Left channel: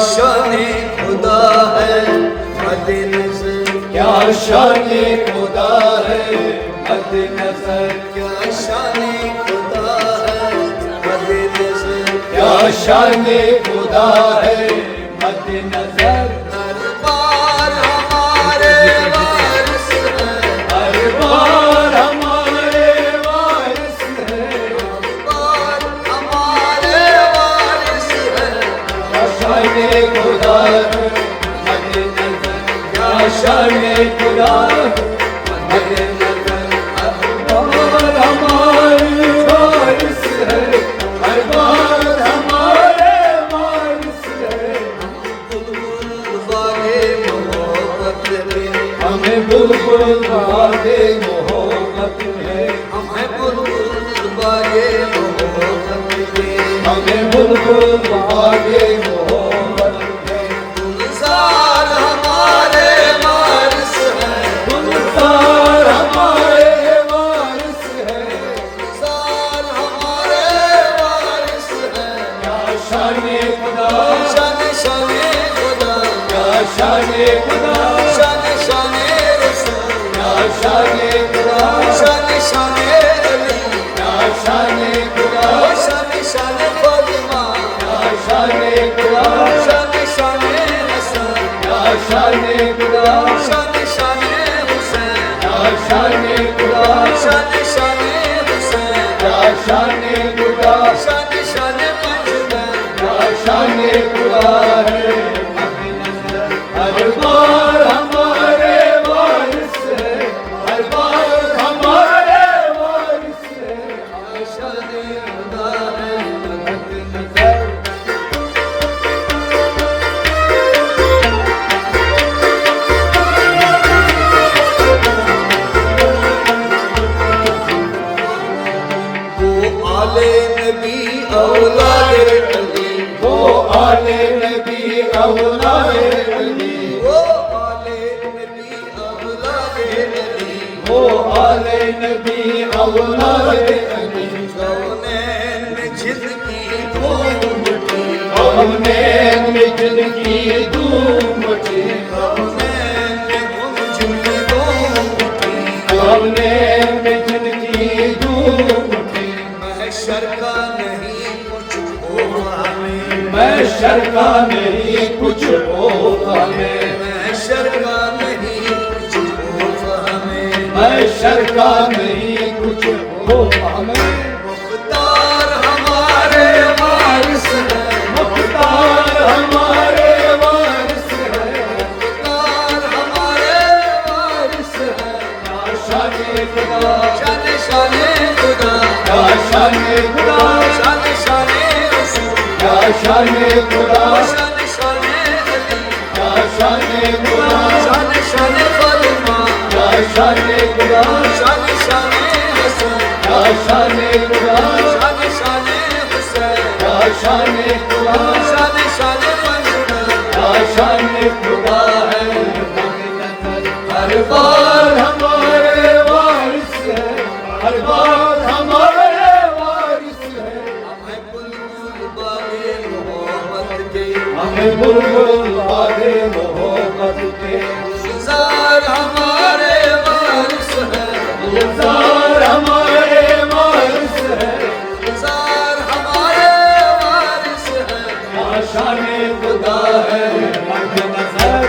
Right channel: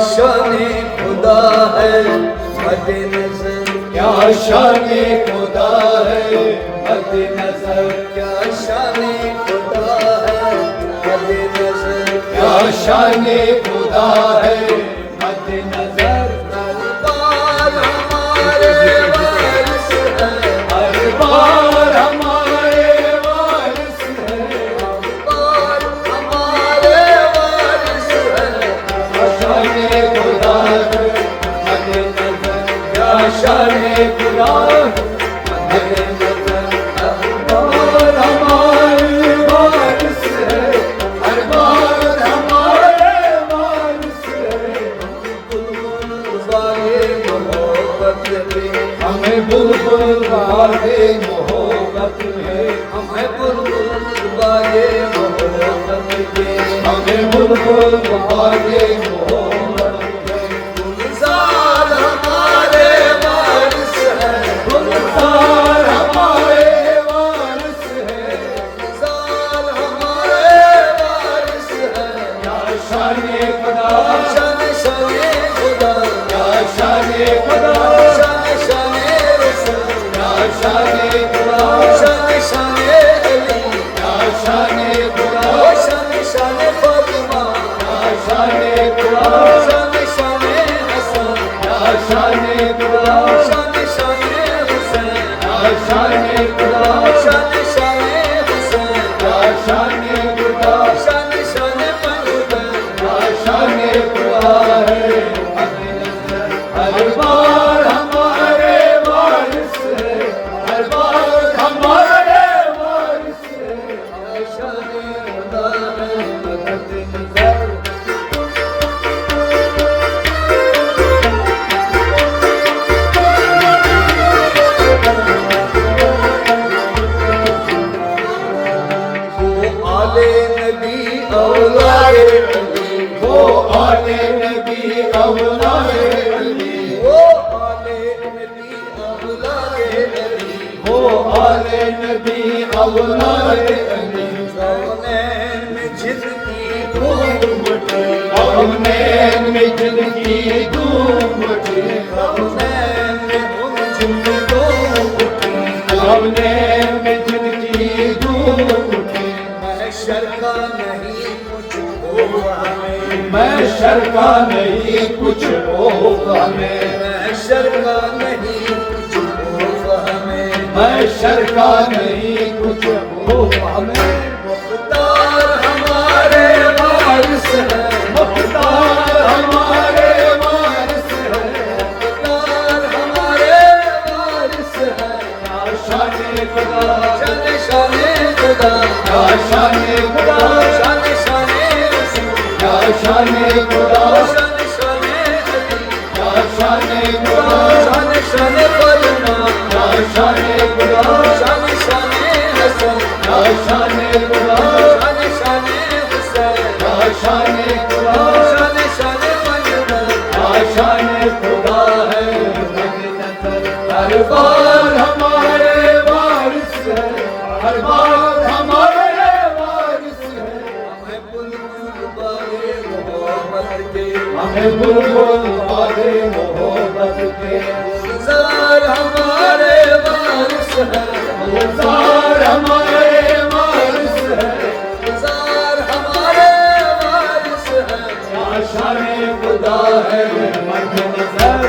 शाने खुदा है मद्दे नजर, क्या शाने खुदा है मद्दे नजर, क्या शाने खुदा है मद्दे नजर, क्या शाने खुदा है मद्दे नजर। दरबार हमारे वारिस है, दरबार हमारे वारिस है, दरबार हमारे वारिस है, क्या शाने खुदा है मद्दे नजर, क्या शाने खुदा है मद्दे नजर। दरबार हमारे वारिस है, दरबार हमारे वारिस है, गुजारे मोहब्बत के, हमें बुलबुल वादे मोहब्बत है, हमें बुलबुल गुजारे मोहब्बत के, हमें बुलबुल वादे मोहब्बत है। गुलजार हमारे वारिस है, गुलजार हमारे वारिस है, गुलजार हमारे वारिस है, क्या शाने खुदा, शान शाने खुदा, क्या शाने खुदा, शान शाने रसूल, क्या शाने खुदा, शान शाने अली, क्या शाने खुदा, शान शाने फातिमा, क्या शाने खुदा, शान शाने हसन, क्या शाने खुदा, शान शाने हुसैन, क्या शाने खुदा, शान शाने हुसैन, क्या शाने खुदा, शान शाने पंजतन, क्या शाने खुदा है। हर बार हमारे वारिस है, हर बार हमारे वारिस है, शाने खुदा है मद्दे नजर। वो आले नबी औलादे अली, वो आले नबी औलादे अली, वो आले नबी औलादे अली, वो आले नबी औलादे अली। कौनैन में जिंदगी धूम उठी, कौनैन में जिंदगी धूम उठी, कौनैन में गुंजन धूम उठी, कौनैन में जिंदगी धूम उठी। महशर का नहीं कुछ होगा हमें, महशर का नहीं कुछ होगा हमें, महशर का नहीं कुछ होगा हमें, महशर का नहीं कुछ होगा हमें। मुख्तार हमारे वारिस है, मुख्तार हमारे वारिस है, मुख्तार हमारे वारिस है, क्या शाने खुदा, शान शाने खुदा, क्या शाने खुदा, शान शाने रसूल, क्या शाने खुदा, शान शाने अली, क्या शाने खुदा, शान शाने फातिमा, क्या शाने खुदा, शान शाने हसन, क्या शाने खुदा, शान शाने हुसैन, क्या शाने खुदा, शान शाने पंजतन, क्या शाने खुदा है मद्दे नजर। हर बार हमारे वारिस है, हर बार हमारे वारिस है, हमें बुलबुल वाले मोहब्बत के, हमें बुलबुल वादे मोहब्बत के। गुलजार हमारे वारिस है, गुलजार हमारे वारिस है, गुलजार हमारे वारिस है, क्या शाने खुदा है मद्दे नजर।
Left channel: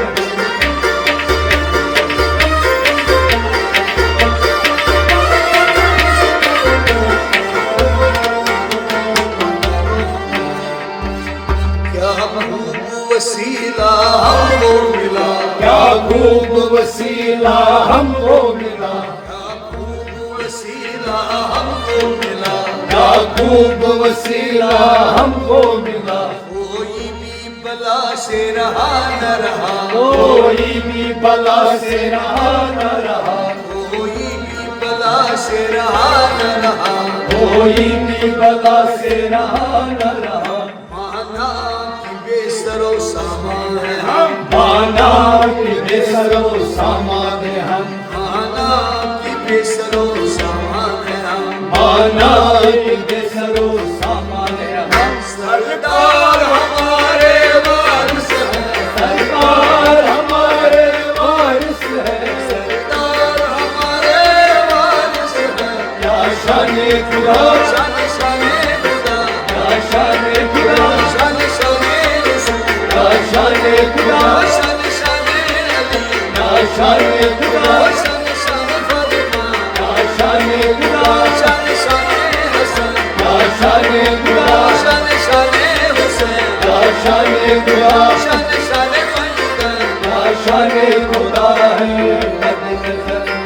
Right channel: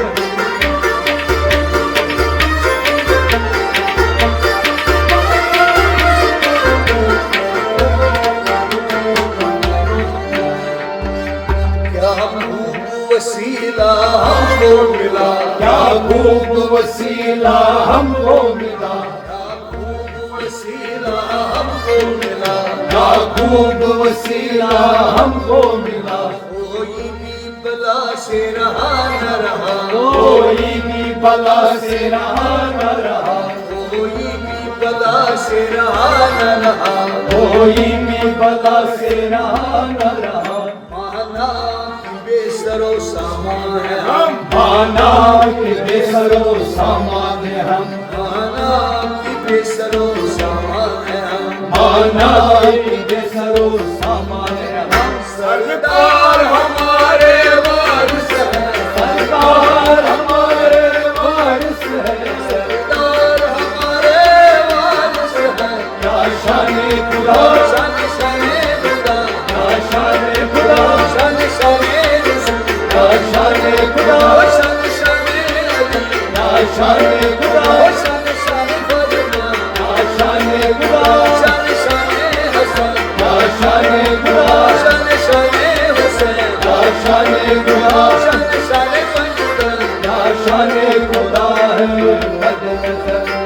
क्या खूब वसीला हमको मिला, क्या खूब वसीला हमको मिला, क्या खूब वसीला हमको मिला, क्या खूब वसीला हमको मिला। कोई भी बला से रहा न रहा, कोई भी बला से रहा न रहा, कोई भी बला से रहा न रहा, कोई भी बला से रहा न रहा। माना कि बेसरो सामान है हम, माना कि बेसरो सामान हम, माना कि बेसरो सामान है हम, माना कि बेसरो सामान हम। सरदार हमारे वारिस खुदा शान शान खुदा या शान खुदा शान शान रसूल या शान खुदा शान शान अली या शान खुदा शान शान फातिमा या शान खुदा शान शान हसन या शान खुदा शान शान हुसैन या शान खुदा शान शान मंजूर या शान खुदा है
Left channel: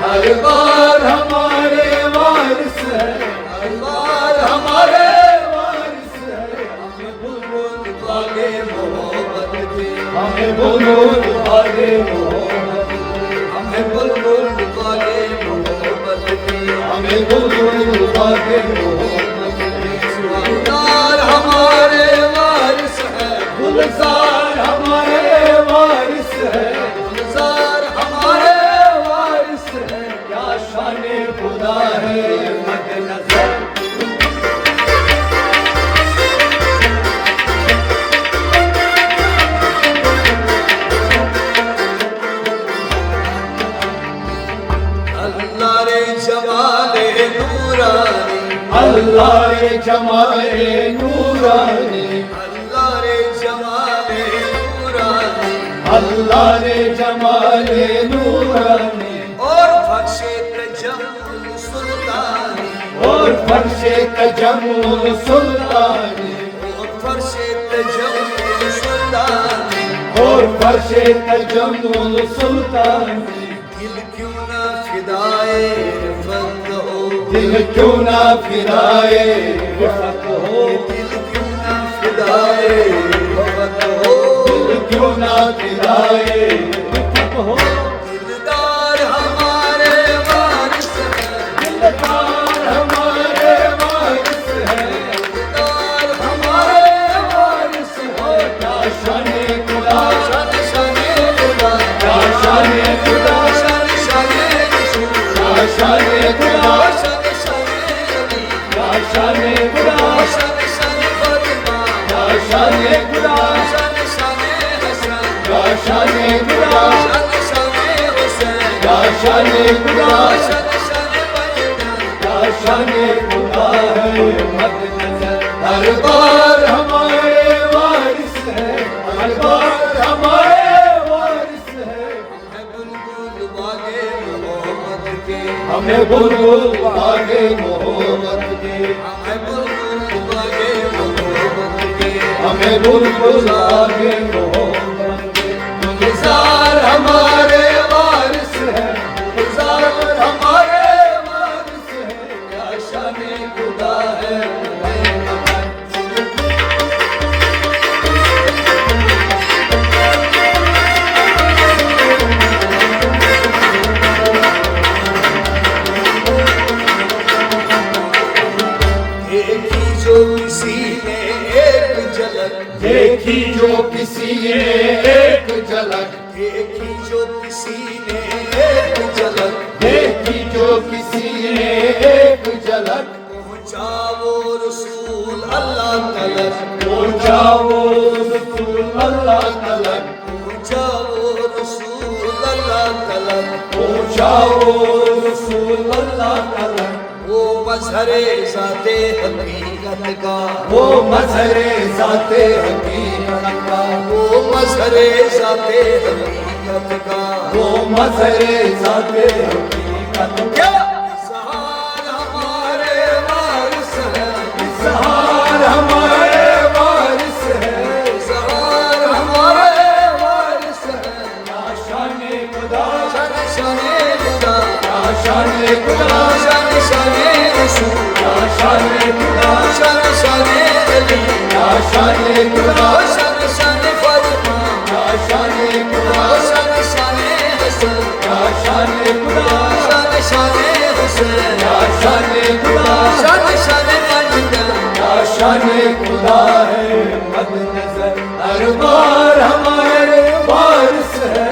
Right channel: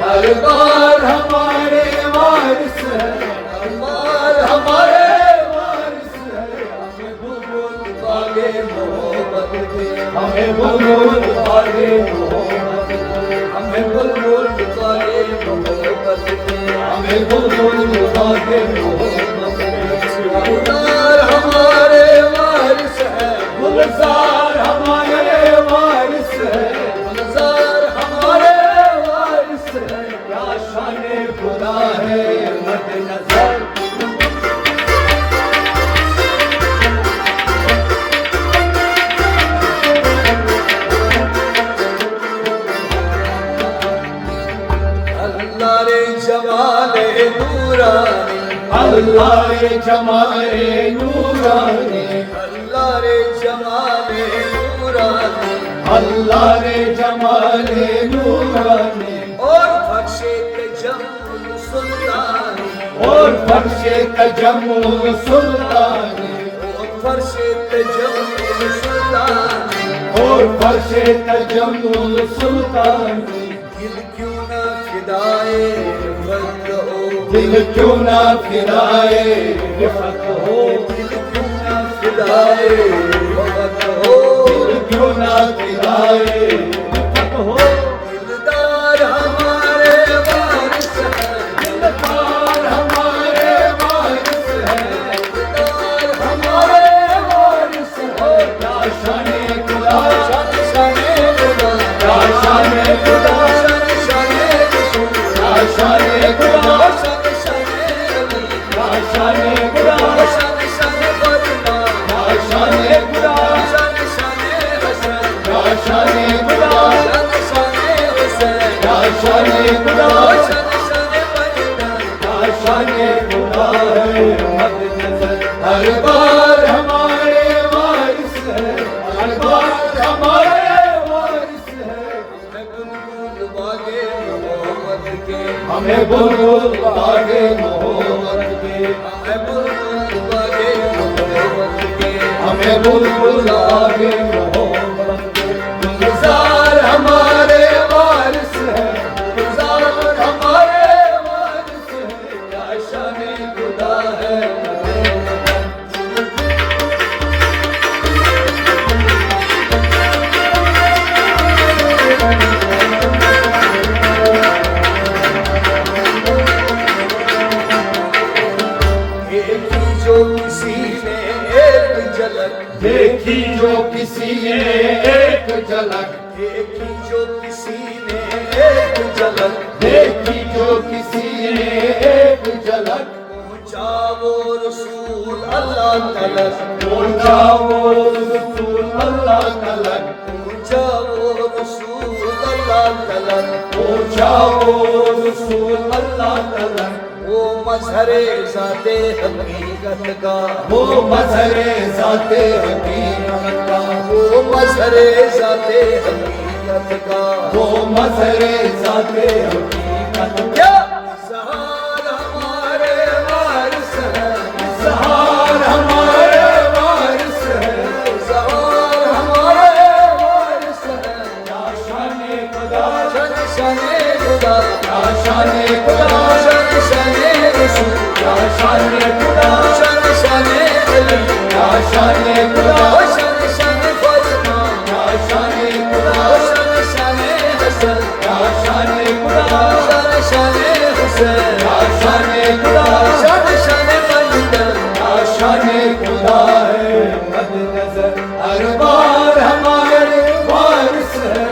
हर बार हमारे वारिस है हर बार हमारे वारिस है हमें बुलबुल बागे मोहब्बत के हमें बुलबुल बागे मोहब्बत हमें बुलबुल बागे मोहब्बत के हमें बुलबुल बागे मोहब्बत गुलजार हमारे वारिस है गुलजार हमारे वारिस है गुलजार हमारे वारिस है क्या शान खुदा है मद नजर अल्लाह रे जमाले नूरानी अल्लाह रे जमाले नूरानी अल्लाह रे जमाले नूरानी अल्लाह रे जमाले नूरानी और फर्शे तजम्मुल सुल्तानी और फर्शे तजम्मुल सुल्तानी और फर्शे तजम्मुल सुल्तानी और फर्शे तजम्मुल सुल्तानी दिल क्यों ना फिदाए फत हो दिल क्यों ना फिराए वक्त हो दिल क्यों ना फिदाए फत हो दिल क्यों ना फिराए वक्त हो दिलदार हमारे वारिस है दिलदार हमारे वारिस है दिलदार हमारे वारिस है क्या शान खुदा शान शान खुदा क्या शान खुदा शान शान रसूल क्या शान खुदा शान शान अली क्या शान खुदा शान शान फातिमा क्या शान खुदा शान शान हसन क्या शान खुदा शान शान हुसैन क्या शान खुदा शान शान मदीना क्या शान खुदा है मद नजर हर बार हमारे वारिस है हर बार हमारे वारिस है मैं बुलबुल बागे मोहब्बत के हमें बुलबुल बागे मोहब्बत के मैं बुलबुल बागे मोहब्बत के हमें बुलबुल बागे मोहब्बत के गुलजार हमारे वारिस है गुलजार हमारे वारिस है क्या शान खुदा है देखी जो किसी ने एक झलक देखी जो किसी ने एक झलक देखी जो किसी ने एक झलक देखी जो किसी ने एक झलक पहुंचा वो रसूल अल्लाह तलक पहुंचा वो रसूल अल्लाह तलक पहुंचा वो रसूल अल्लाह तलक पहुंचा वो रसूल अल्लाह तलक वो मजहरे जाते हकीकत का वो मजहरे जाते हकीकत का वो मजहरे जाते हकीकत का वो मजहरे जाते हकीकत क्या सहार हमारे वारिस है सहार हमारे वारिस है सहार हमारे वारिस है क्या शान खुदा शान शान खुदा क्या शान खुदा शान शान रसूल क्या शान खुदा शान शान अली क्या शान खुदा शान शान फातिमा क्या शान खुदा शान शान हसन क्या शान खुदा शान शान हुसैन क्या शान खुदा शान शान मदीना क्या शान खुदा है मद नजर हर बार हमारे वारिस है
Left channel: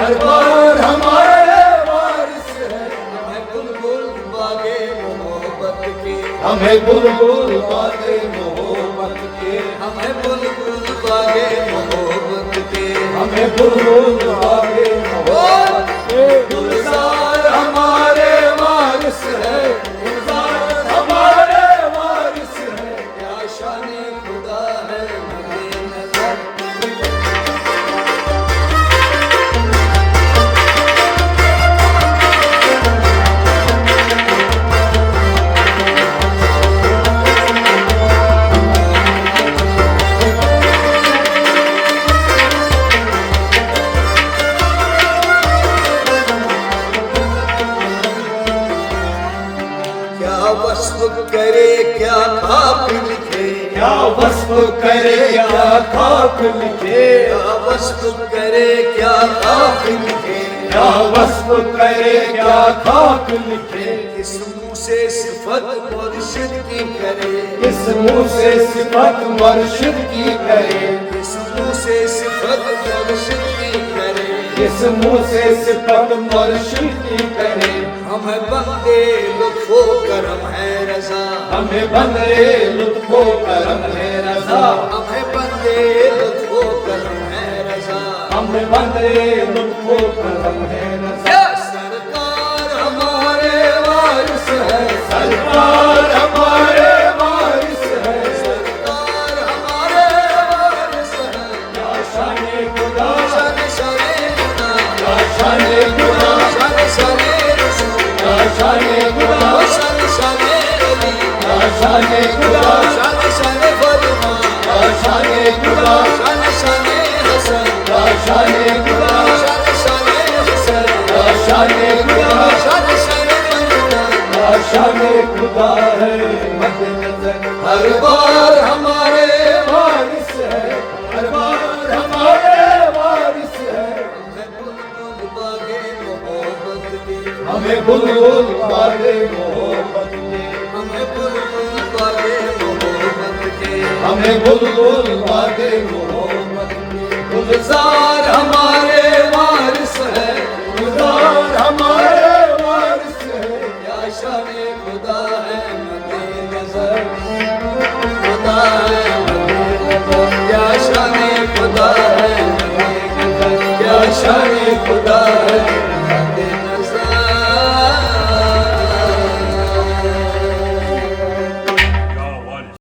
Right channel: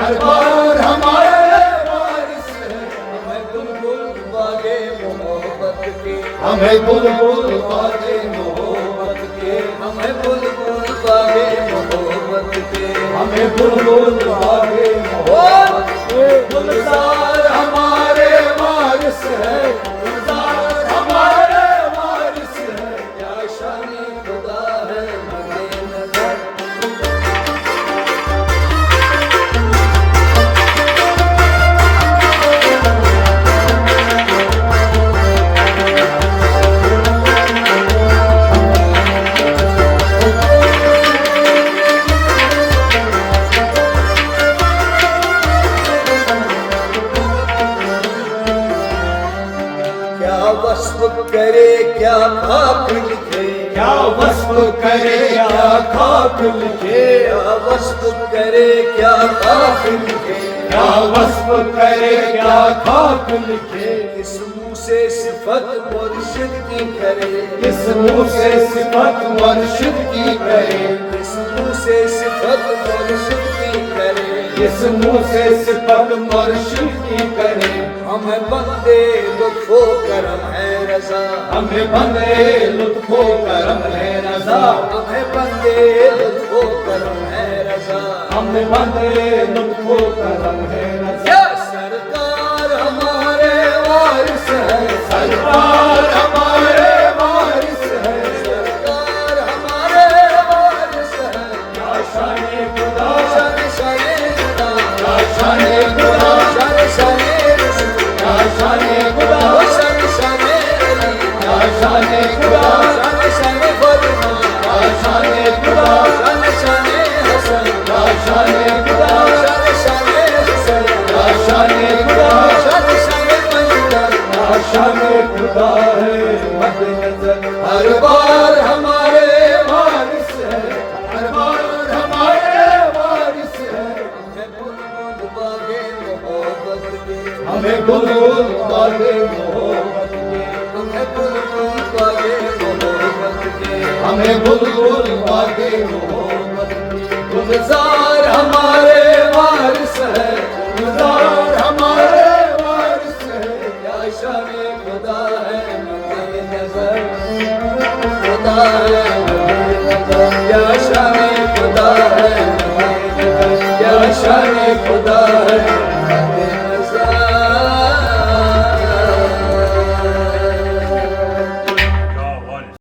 हर बार हमारे वारिस है मैं बुलबुल बागे मोहब्बत के हमें बुलबुल बागे मोहब्बत के हमें बुलबुल बागे मोहब्बत के हमें बुलबुल बागे मोहब्बत के गुलजार हमारे वारिस है गुलजार हमारे वस्फ करे क्या खाक लिखे, क्या वस्फ करे क्या खाक लिखे, क्या वस्फ करे क्या खाक लिखे। किस मुँह से सिफत मुर्शिद की करे, किस मुँह से सिफत मुर्शिद की करे, किस मुँह से सिफत मुर्शिद की करे, किस मुँह से सिफत मुर्शिद की करे। हमें बंदे लुत्फो करम है रजा, हमें बंदे लुत्फो करम है रजा, हमें बंदे लुत्फो करम है रजा, हमें बंदे लुत्फो करम है रजा। या सरकार हमारे वारिस है, सरकार हमारे वारिस है, सरकार हमारे वारिस है, या शाने खुदा, शान शाने खुदा, या शाने खुदा, शान शाने रसूल, या शाने खुदा, शान शाने अली, या शाने खुदा, शान शाने फातिमा, या शाने खुदा, शान शाने हसन, या शाने खुदा, शान शाने हसन, या शाने खुदा, शान शाने मजदा। या शाने खुदा है मद नजर। हर बार हमारे वारिस है, हर बार हमारे वारिस है। हमें बुलबुल बागे हमें बुलबुल बागे मोहब्बत मोहब्बत के, के, हमें बुलबुल बागे मोहब्बत के, हमें बुलबुल बागे मोहब्बत के। गुलजार हमारे वारिस है,